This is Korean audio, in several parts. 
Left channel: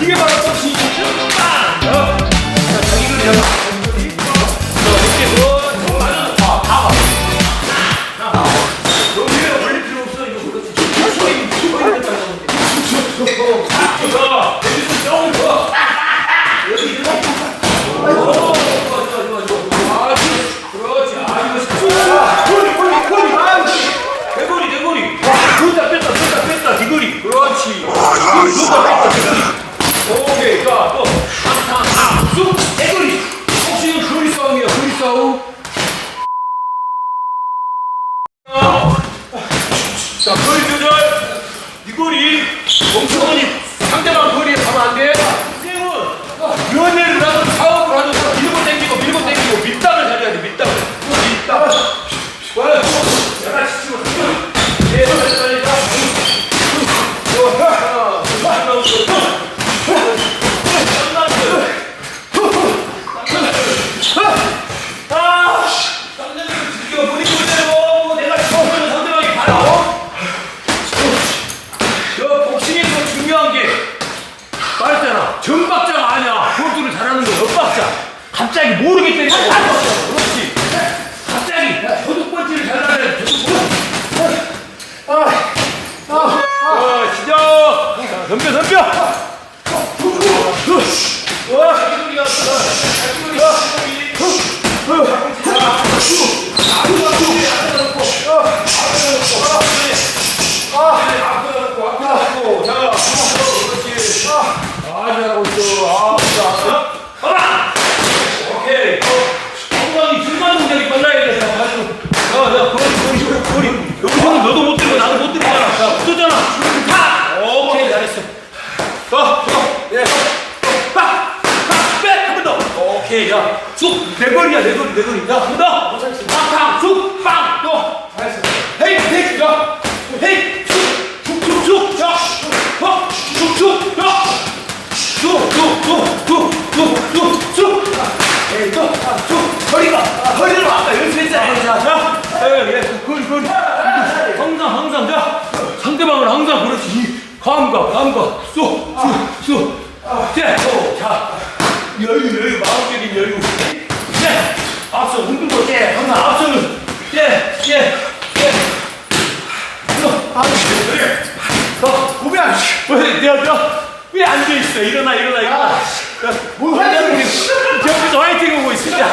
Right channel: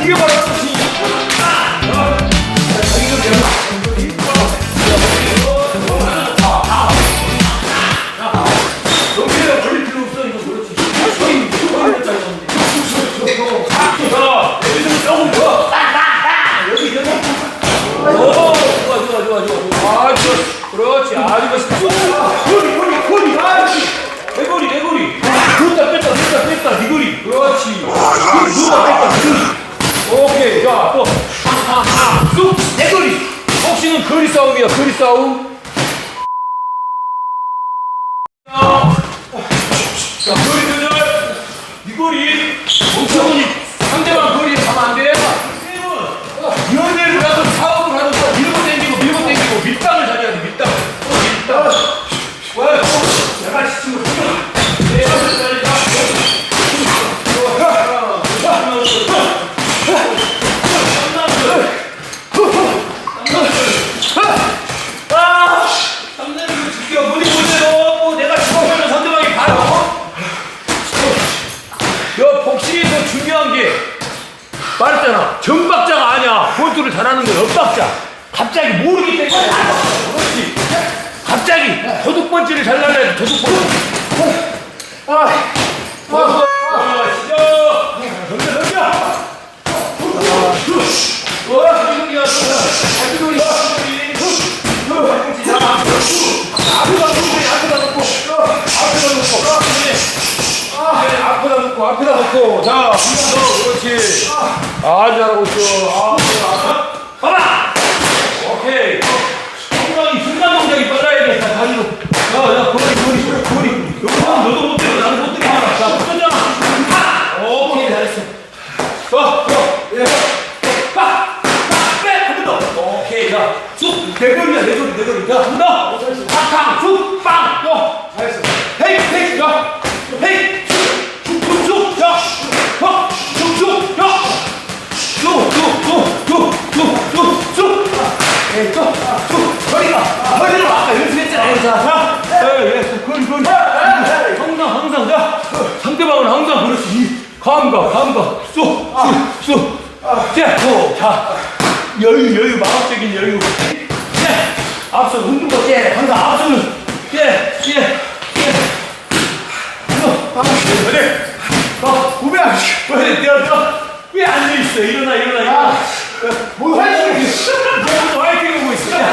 이게 바로 복싱이야. 아. 저기. 줬다, 뺐다, 뺐다. 네 거리. 그렇지. 줬다, 뺐다, 네 거리. 오케이. 자, 또. 한, 한, 아, 쑥. 내 거리. 싸움이야, 거리 싸움. 자, 거리 조절. 네 거리. 멍청이 상대방 거리에 가면 안 돼. 쌤은 연애를 하든 사업을 하든 다 밀고 당기고 밀고 당기고 밀당을 잘해야 돼, 밀당을. 밀당. 와, 내가 지치고 숨겨. 예, 빨리 가. 아, 상대방 지켜 버리고 있어요. 내가 지켜보면 상대방이 가요. 여 복싱에서 중요한 게 말했잖아. 정박자가 아니야. 권투를 잘하는 거 옆박자. 갑자기 거 옆박자로. 그 잘하고 있어. 아, 자, 봐봐! 오케이. 엉덩이 순간 동작이 빨라야 돼. 자, 다리로. 자, 자, 거리, 거리, 거리. 여기서는 너도 못 때리고 나도 못 때리잖아. 자, 붙었잖아. 하! 오케이, 잘했어. 어, 어, 예. 어, 빡! 빡! 백! 한번 더. 오케이, 자. 쑥! 내 거리야, 내 거리, 내 거리. 자, 한 번 더. 탕, 탕, 쑥! 빵! 또. 거리. 이거 항상, 항상. 자. 상대방은 항상 그렇지. 이 감각, 감각. 쑥, 쑥, 쑥. 자, 호, 자. 여유, 여유, 마음적인 여유. 예. 앞서 흔들고, 예. 항상 앞서는. 예, 예, 예. 아, 그래. 어, 우비야. 왜, 내가, 내가. 왜 앉아있어? 일어나, 일어나, 일어나. 뭐 화이팅! 여기서 화이팅 오고 있어. 야, 야,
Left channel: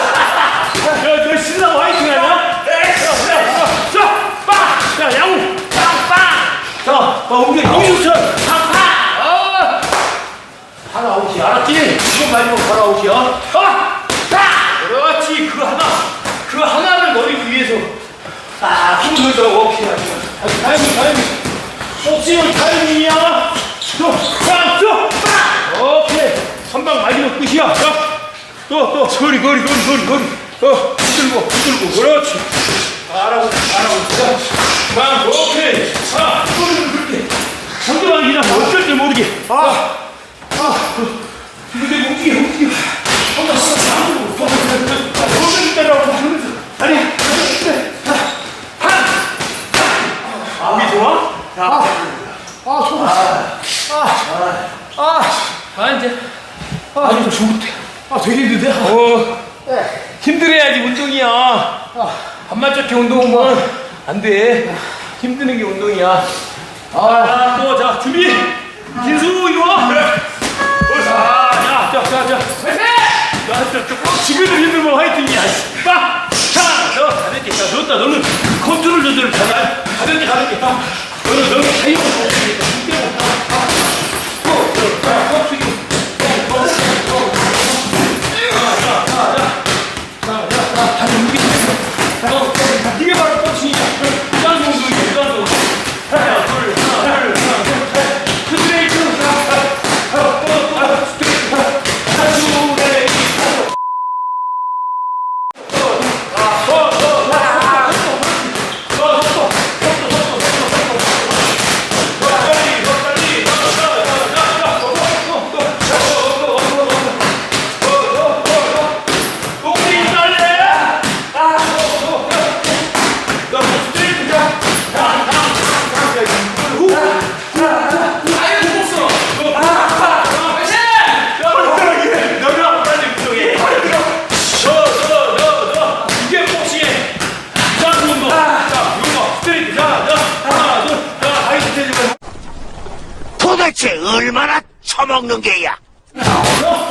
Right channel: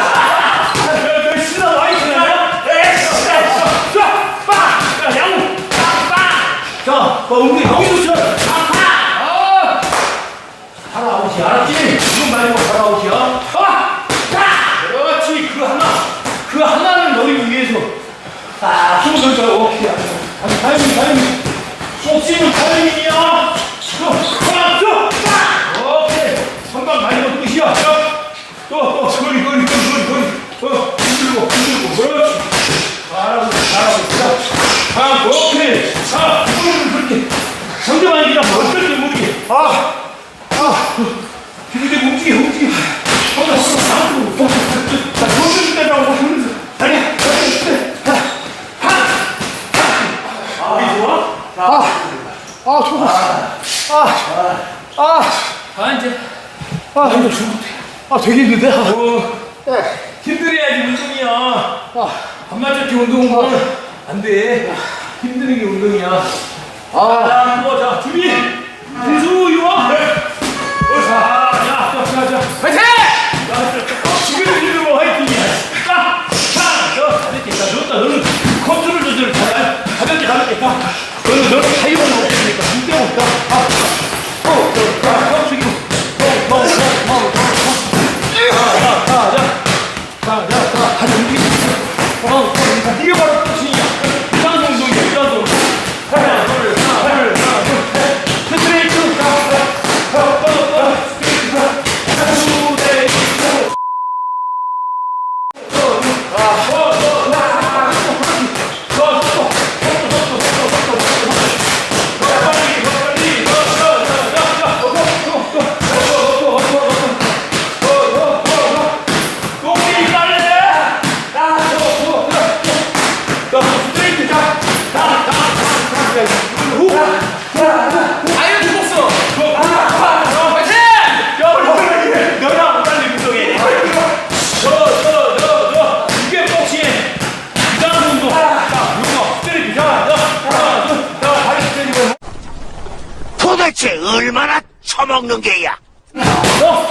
자, 막 옮겨, 여기서 쳐! 팡, 팡! 아! 하나 아웃이야, 알았지? 이건 마지막 하나 아웃이야. 아! 자! 그렇지, 그 하나. 그 하나를 노리기 위해서. 아, 힘을 넣자. 오케이. 아주 타이밍, 타이밍. 복싱은 타이밍이야. 또, 빵, 또, 빵! 오케이. 한방 마지막 끝이야. 자, 또, 또, 거리, 거리, 거리, 거리, 거리. 어, 흔들고, 흔들고. 그렇지. 잘하고, 잘하고 있어. 빵, 오케이. 자. 상대방이 그냥 어쩔 줄 모르게. 아, 아. 근데 움직여, 움직여. 한번 안쪽으로. 자, 손을 빼라고. 손을. 아니, 네. 하, 하. 이게 좋아? 아, 저거. 아, 아, 아, 이제. 아, 이거 죽 아, 되게 힘든데? 아, 어, 네. 힘들어야지 운동이야. 아, 반만짝게 운동은 안 돼. 힘드는 게 운동이야. 아, 자, 또, 자, 준비. 김수우, 이리 와. 어, 자, 자, 자, 자, 자, 화이팅! 자, 자, 자, 지금도 힘들면 화이팅이야. 딱, 자, 저, 가볍게. 자, 좋다. 너는 컨트롤 조절을. 아니, 가볍게, 가볍게. 자, 너는, 너는 타이어가 없으니까 힘 때문에 없다. 아, 또, 또, 자, 턱 숙이고. 도대체 얼마나 처먹는 게야? 아,